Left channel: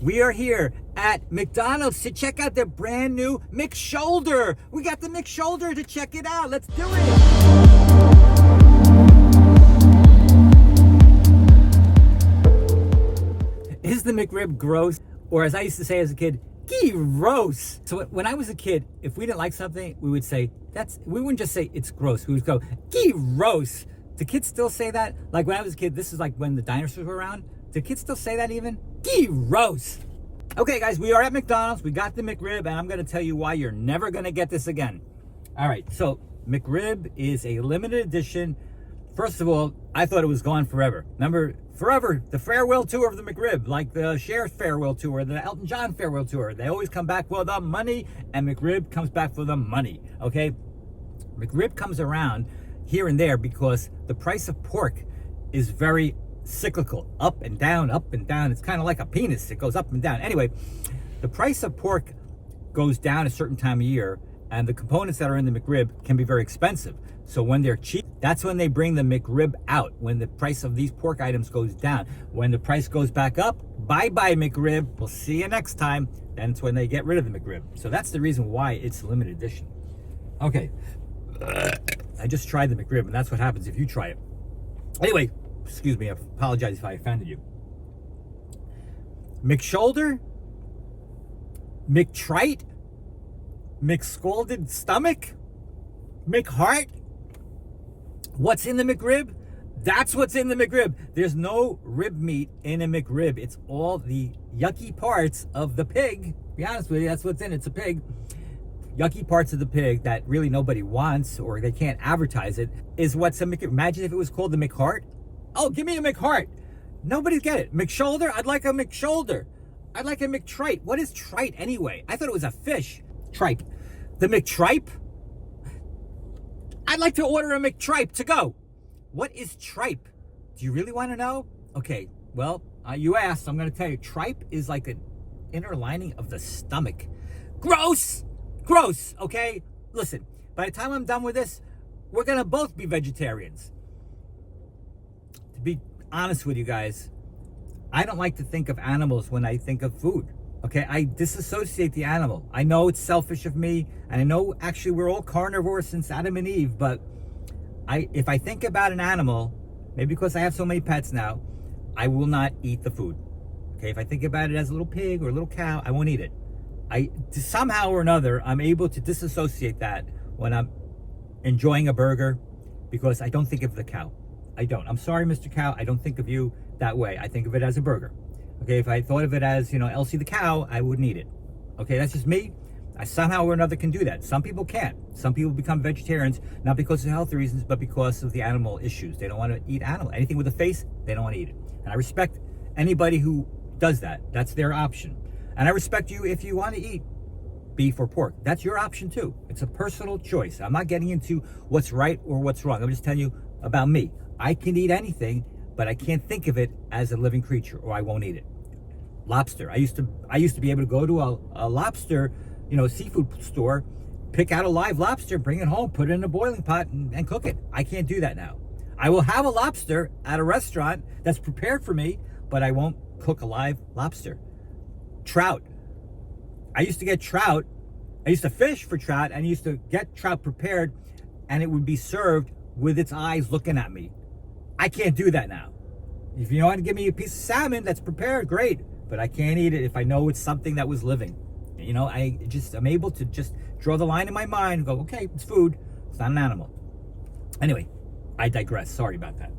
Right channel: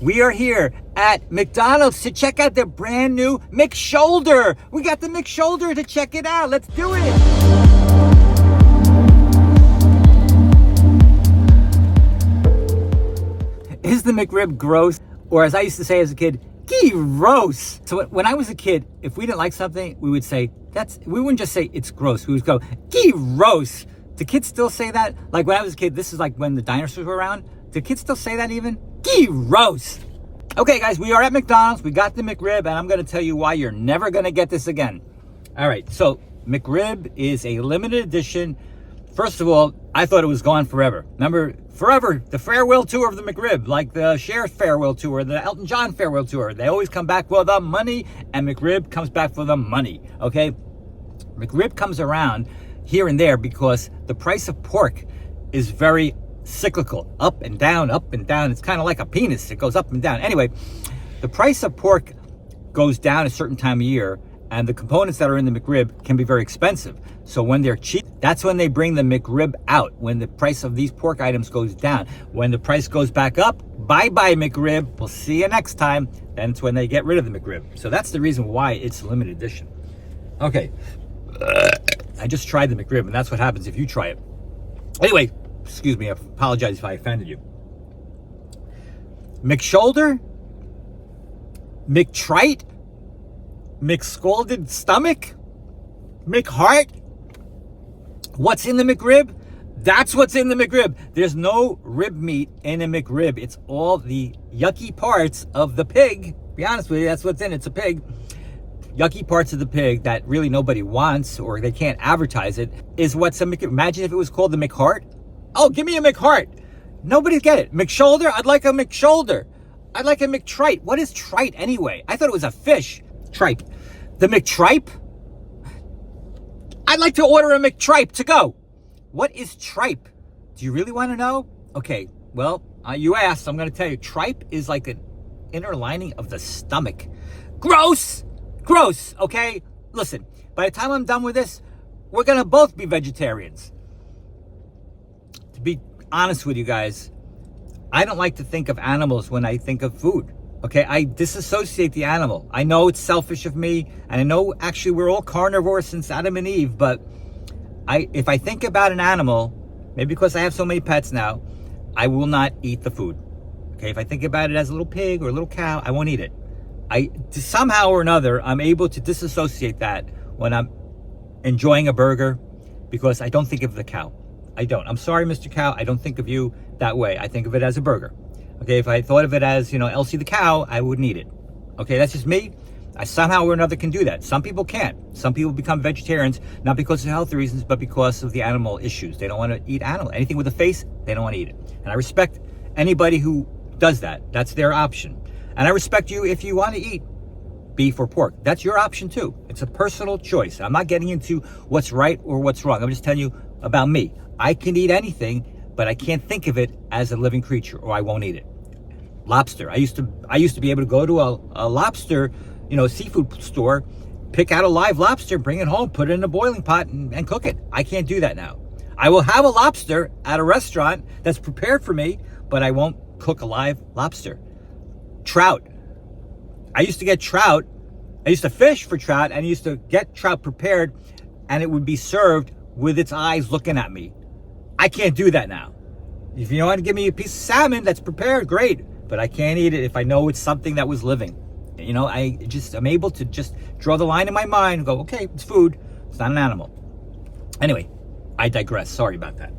We are here at McDonald's to check out their brand new McShoulder. We got the McShoulder to check it out. Let's do it. Is the McRib gross? Or as I used to say as a kid, gross. So when I was a kid, if we didn't like something, we would say, we wouldn't just say it's gross. We would go, gross. Do kids still say that? Like when I was a kid, this is like when the dinosaurs were around. Do kids still say that even? Gross. Okay, guys, we are at McDonald's. We got the McRib, and I'm going to tell you why you're never going to get this again. All right, so McRib is a limited edition. First of all, I thought it was gone forever. Remember, forever, the farewell tour of the McRib, like the Cher's farewell tour, the Elton John farewell tour. They always come back for the money, and McRib comes back for the money, okay? McRib comes around here and there because the price of pork is very cyclical, up and down, up and down. It's kind of like a penis. It goes up and down. Anyway, the price of pork goes down a certain time of year, and the components that are in the McRib can be very expensive. So when they're cheap, that's when they bring the McRib out, when the price of these pork items goes down. When the price goes back up, bye-bye McRib. We'll see you next time. Then it's when they get rid of the McRib. So that's the reason why it's limited edition. Okay. I just tried the McRib, and that's what happens if you try it. Anyway, excuse me, I apologize if I offended you. McShoulder, McTrite, McScalded stomach, McHeart. What's in the McRib? That's what's in the McRib. There's no rib meat in a McRib. It's all the yucky parts of the pig. Be honest with you, that's what's in it. It's a pig. Yucky parts of the pig that really nobody wants, or they can't advertise it, is what's a McRib. Imagine if it was called the McHeart. Oh, give me a McHeart. Nobody get it. McShoulder? I'd like a McShoulder. I'd like a McTrite. What is trite anyway? I thought it was a fish. Tripe. The McTripe? I'd like to order a McTripe to go. What is tripe? Do you really want to know? Okay, well, you asked, so I'm going to tell you. Tripe is like an inner lining of the stomach. Gross! Gross, okay? Listen, by the time I'm done with this, we're going to both be vegetarians. To be honest with you guys, I don't like to think of animals when I think of food. Okay, I disassociate the animal. I know it's selfish of me, and I know actually we're all carnivores since Adam and Eve, but if I think about an animal, maybe because I have so many pets now, I will not eat the food. Okay, if I think about it as a little pig or a little cow, I won't eat it. Somehow or another, I'm able to disassociate that when I'm enjoying a burger, because I don't think of the cow. I don't. I'm sorry, Mr. Cow. I don't think of you that way. I think of it as a burger. Okay, if I thought of it as, Elsie the cow, I wouldn't eat it. Okay, that's just me. I somehow or another can do that. Some people can't. Some people become vegetarians, not because of health reasons, but because of the animal issues. They don't want to eat animal. Anything with a face, they don't want to eat it. And I respect anybody who does that. That's their option. And I respect you if you want to eat beef or pork. That's your option too. It's a personal choice. I'm not getting into what's right or what's wrong. I'm just telling you about me. I can eat anything, but I can't think of it as a living creature, or I won't eat it. Lobster. I used to be able to go to a lobster, seafood store, pick out a live lobster, bring it home, put it in a boiling pot, and cook it. I can't do that now. I will have a lobster at a restaurant that's prepared for me, but I won't cook a live lobster. Trout. I used to get trout. I used to fish for trout, and I used to get trout prepared, and it would be served with its eyes looking at me. I can't do that now. If you want to give me a piece of salmon that's prepared, great. But I can't eat it if I know it's something that was living. I'm able to just draw the line in my mind and go, okay, it's food. It's not an animal. Anyway, I digress. Sorry about that.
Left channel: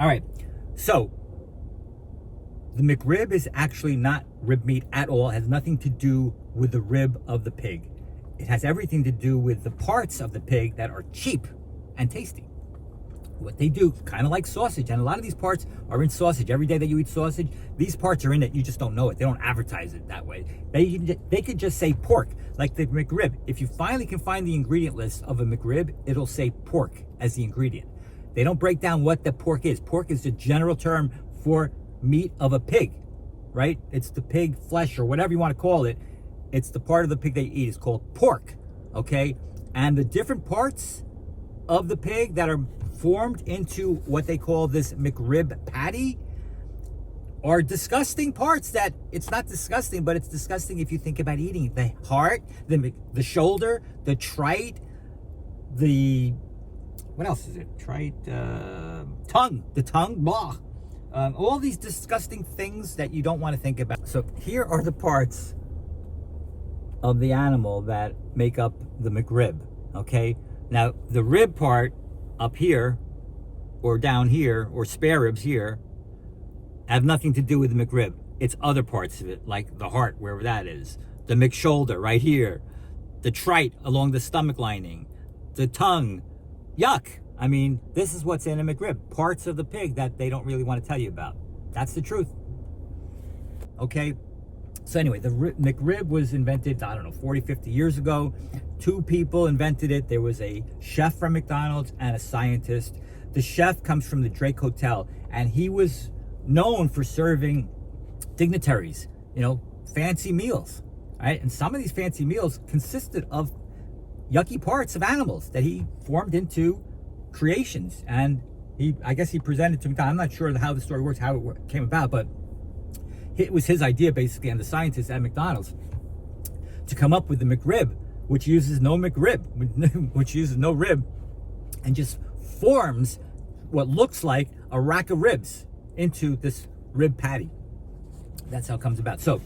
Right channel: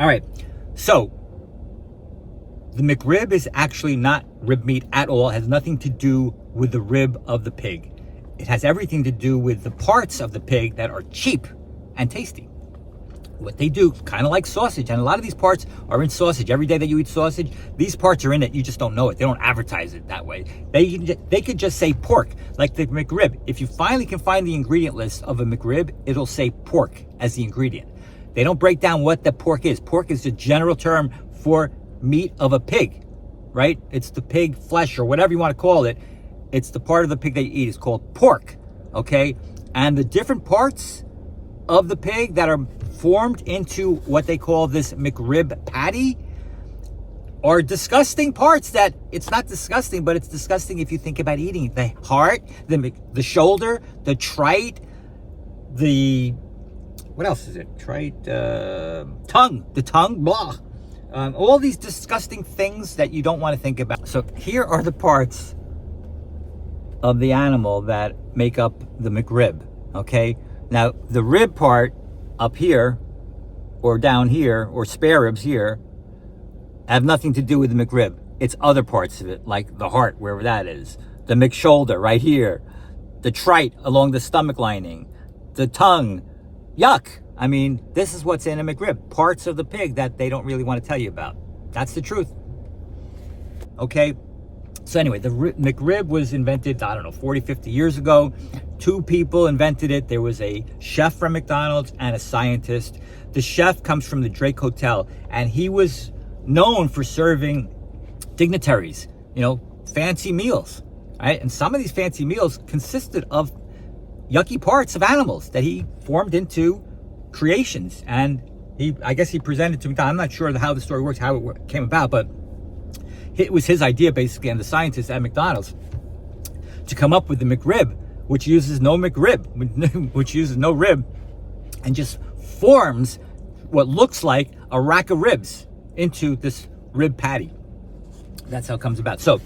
All right. So, the McRib is actually not rib meat at all. It has nothing to do with the rib of the pig. It has everything to do with the parts of the pig that are cheap and tasty. What they do, kind of like sausage, and a lot of these parts are in sausage. Every day that you eat sausage, these parts are in it. You just don't know it. They don't advertise it that way. They could just say pork, like the McRib. If you finally can find the ingredient list of a McRib, it'll say pork as the ingredient. They don't break down what the pork is. Pork is the general term for meat of a pig, right? It's the pig flesh or whatever you want to call it. It's the part of the pig that you eat. It's called pork, okay? And the different parts of the pig that are formed into what they call this McRib patty are disgusting parts that it's not disgusting, but it's disgusting if you think about eating it. The heart, the shoulder, the trite, what else is it? Trite, tongue, the tongue, blah. All these disgusting things that you don't want to think about. So here are the parts of the animal that make up the McRib, okay? Now, the rib part up here, or down here, or spare ribs here, have nothing to do with the McRib. It's other parts of it, like the heart, wherever that is. The McShoulder, right here. The trite along the stomach lining. The tongue. Yuck. I mean, this is what's in a McRib. Parts of the pig that they don't really want to tell you about. That's the truth. Okay? So anyway, the McRib was invented, I don't know, 40, 50 years ago. 2 people invented it. There was a chef from McDonald's and a scientist. The chef comes from the Drake Hotel, and he was known for serving dignitaries, you know, fancy meals, right? And some of these fancy meals consisted of yucky parts of animals that he formed into creations. And I guess he presented to McDonald's. I'm not sure how the story works, how it came about, but it was his idea, basically, and the scientists at McDonald's, to come up with the McRib, which uses no McRib, which uses no rib, and just forms what looks like a rack of ribs into this rib patty. That's how it comes about. So,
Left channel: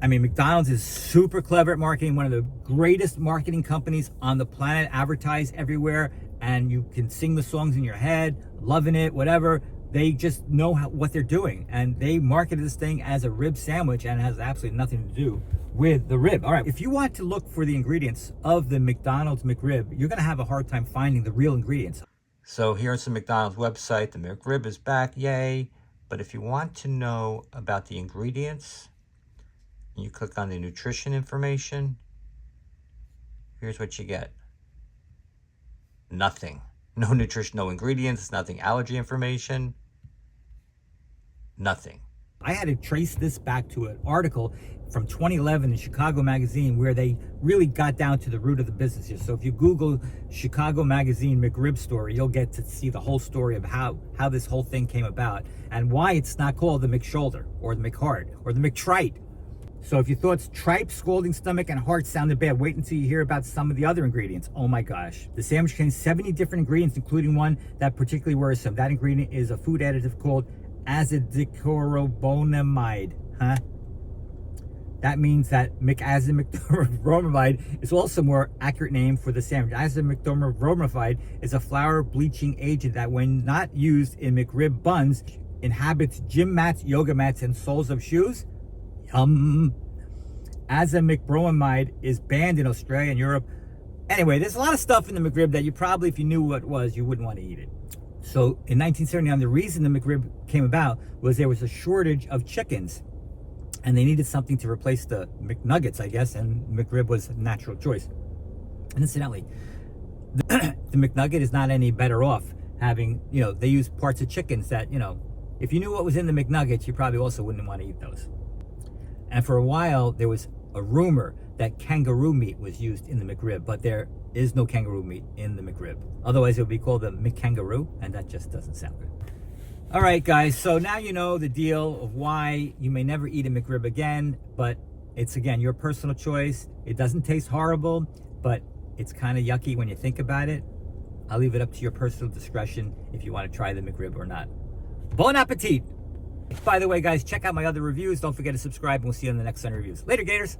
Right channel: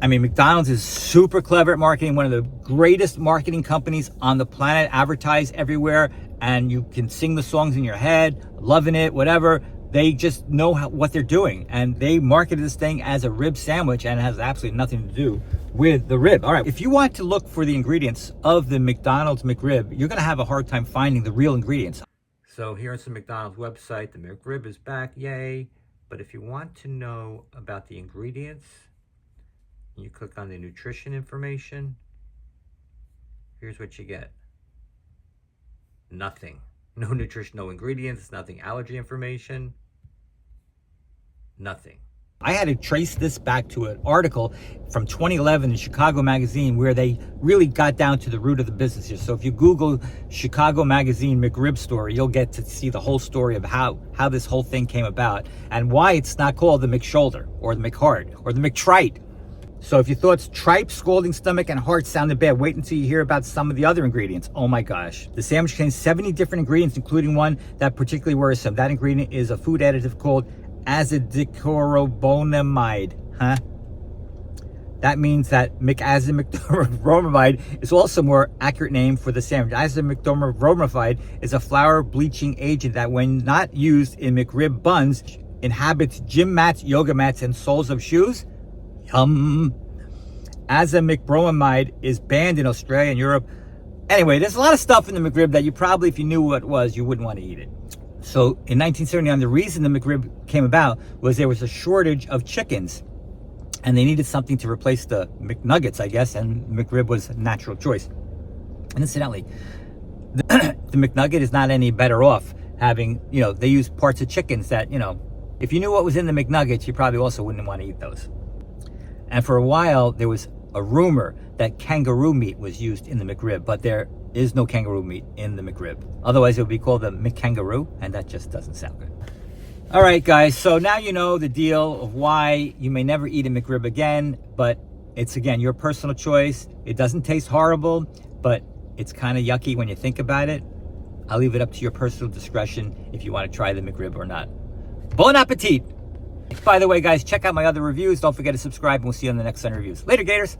I mean, McDonald's is super clever at marketing, one of the greatest marketing companies on the planet, advertise everywhere, and you can sing the songs in your head, loving it, whatever. They just know what they're doing, and they marketed this thing as a rib sandwich, and it has absolutely nothing to do with the rib. All right, if you want to look for the ingredients of the McDonald's McRib, you're gonna have a hard time finding the real ingredients. So here's the McDonald's website. The McRib is back, yay. But if you want to know about the ingredients, you click on the nutrition information, here's what you get. Nothing. No nutrition, no ingredients, nothing. Allergy information, nothing. I had to trace this back to an article from 2011 in Chicago Magazine where they really got down to the root of the business here. So if you Google Chicago Magazine McRib story, you'll get to see the whole story of how this whole thing came about and why it's not called the McShoulder or the McHeart or the McTrite. So if you thought tripe, scalding stomach, and heart sounded bad, wait until you hear about some of the other ingredients. Oh my gosh. The sandwich contains 70 different ingredients, including one that particularly worrisome. That ingredient is a food additive called azidichlorobonamide. Huh? That means that azidichlorobonamide is also a more accurate name for the sandwich. Azidichlorobonamide is a flour bleaching agent that, when not used in McRib buns, inhabits gym mats, yoga mats, and soles of shoes. Azidichlorobonamide is banned in Australia and Europe. Anyway, there's a lot of stuff in the McRib that you probably, if you knew what it was, you wouldn't want to eat it. So in 1979, the reason the McRib came about was there was a shortage of chickens, and they needed something to replace the McNuggets, I guess, and McRib was a natural choice. And incidentally, the McNugget is not any better off having, you know, they use parts of chickens that, you know, if you knew what was in the McNuggets, you probably also wouldn't want to eat those. And for a while, there was a rumor that kangaroo meat was used in the McRib, but there is no kangaroo meat in the McRib. Otherwise, it would be called the McKangaroo, and that just doesn't sound good. All right, guys, so now you know the deal of why you may never eat a McRib again, but it's, again, your personal choice. It doesn't taste horrible, but it's kind of yucky when you think about it. I'll leave it up to your personal discretion if you want to try the McRib or not. Bon appetit! By the way, guys, check out my other reviews. Don't forget to subscribe, and we'll see you on the next 100 reviews. Later, Gators!